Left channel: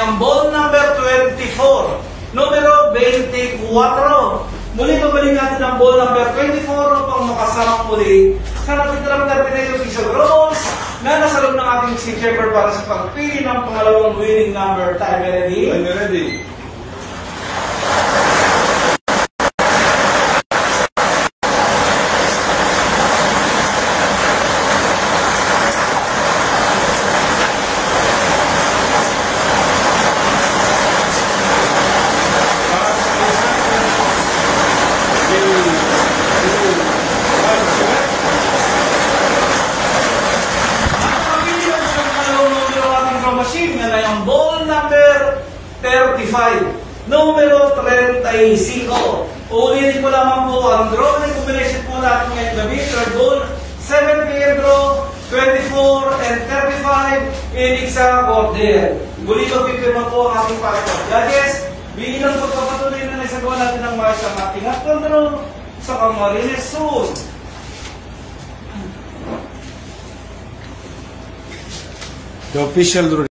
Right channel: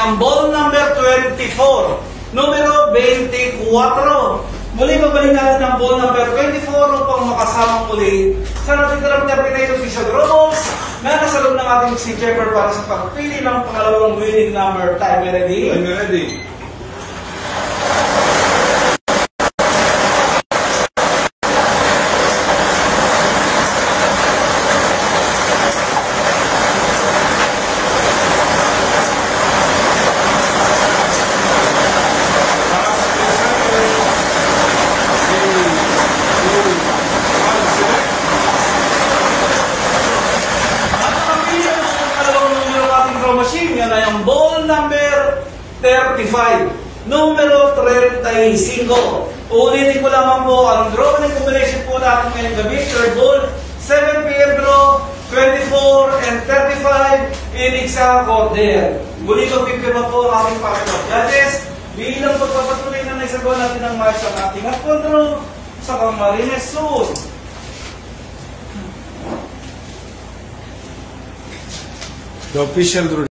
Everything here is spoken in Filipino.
yung ball number 24, numero 24. Muli babalik natin ang ball number 24 upang makasama muli sa natin terminator si Sir Rolls na nasa loob ng ating si Jeffer para sa pagpili ng pangalawang winning number. Time ready? I'm ready. Ang ball number 35, numero 35. Ulitin ko lamang po ang drawing combination po natin ngayong gabi. Third ball, 7 Pedro, 24 and 35 in exact order. Muli ko pipirma po ang ating pastor judges bilang pagpapatuloy na naisagawa natin ang march ang ating at control sa Camarines Sur. The official